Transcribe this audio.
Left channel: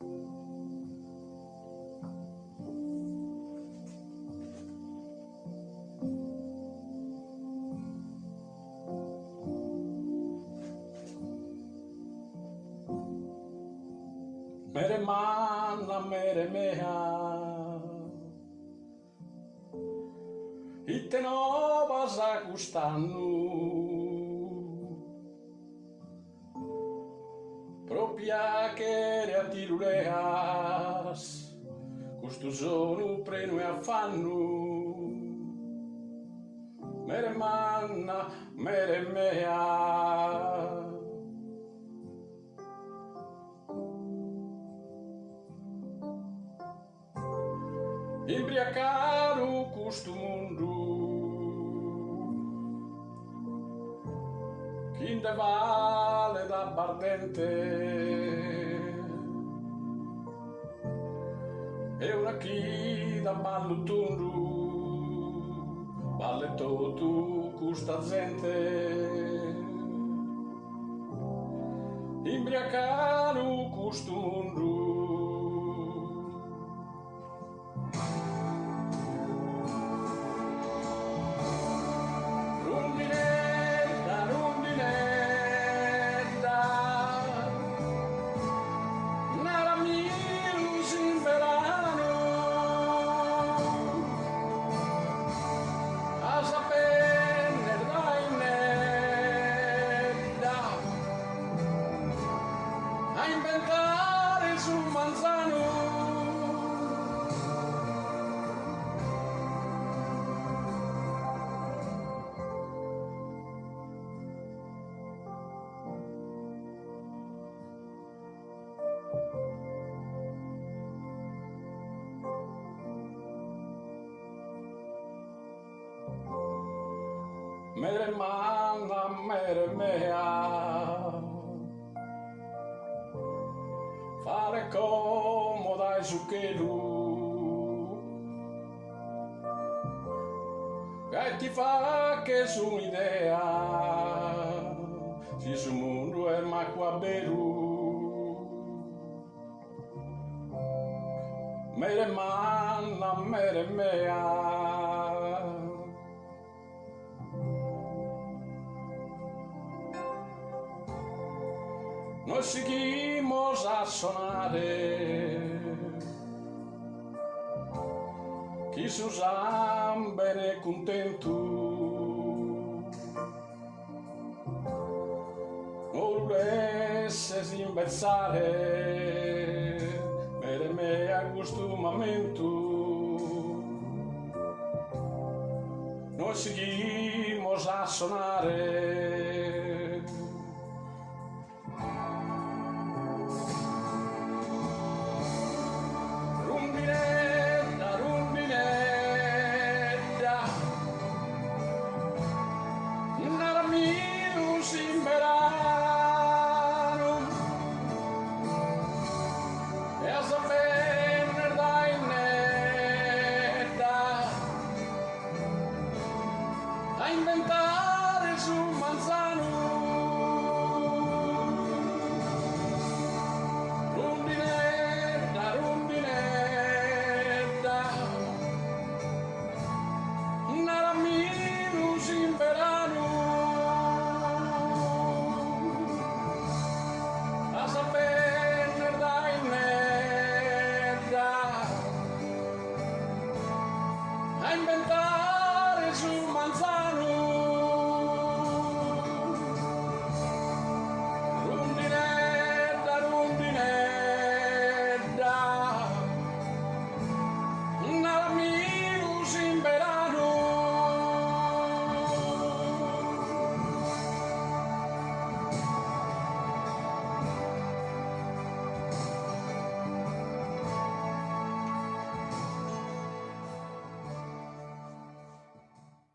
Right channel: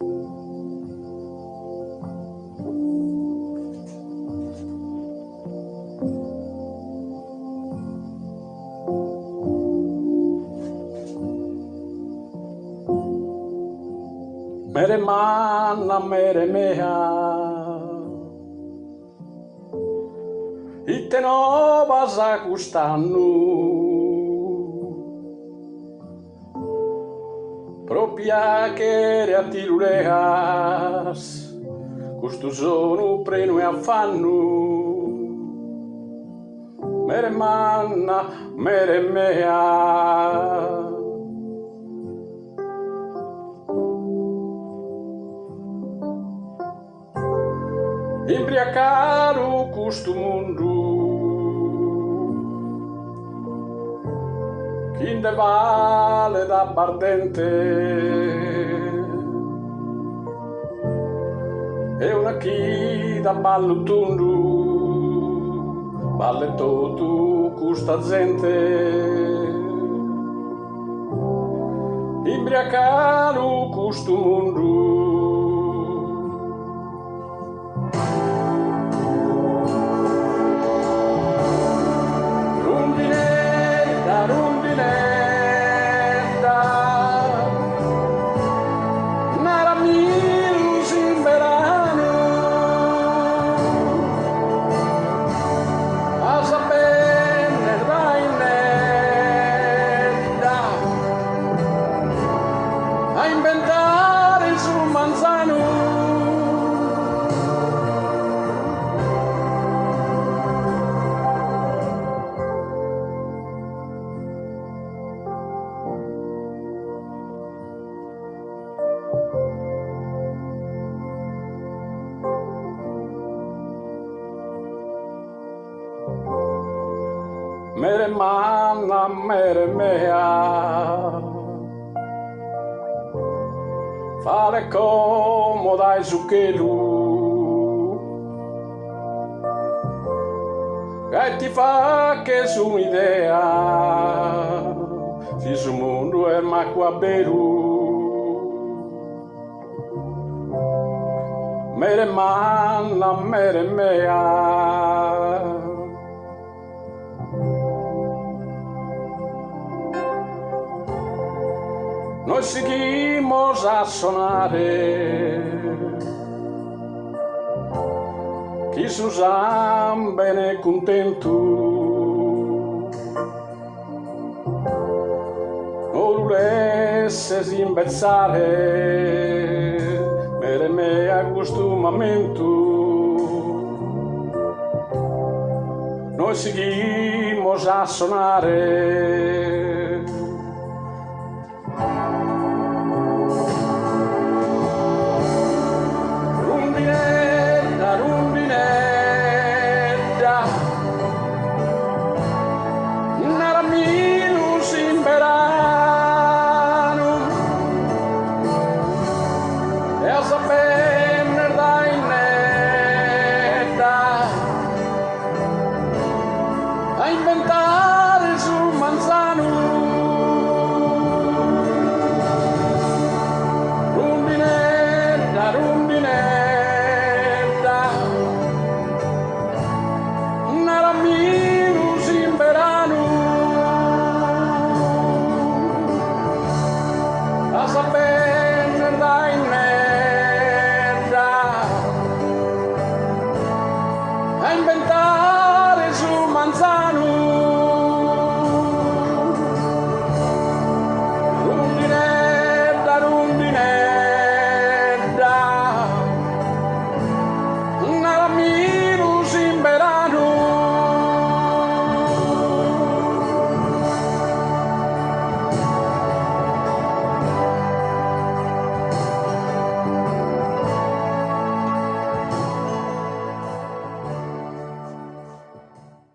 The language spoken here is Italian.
Mere manna, mere mea, ite novas a custannu, propria che a tiruleas, custu sono preno e affannu. Mere manna, mere mea, imbriacaro custo mundo, chinde vale da bardente, e una chi da ballo tundu, balle tutto custa gente, imbriacaro custo mundo. A inventare sul manzano mere manna, mere mea, fare comoda e zucchero che ti fa che su un'idea si su mondo è ma qua beru mere manna, mere mea, noi seguimos a sonare, chi s'usan bene contento, non volesse imbezzare, mere me a questo momento, noi seguimos a sonare. Essa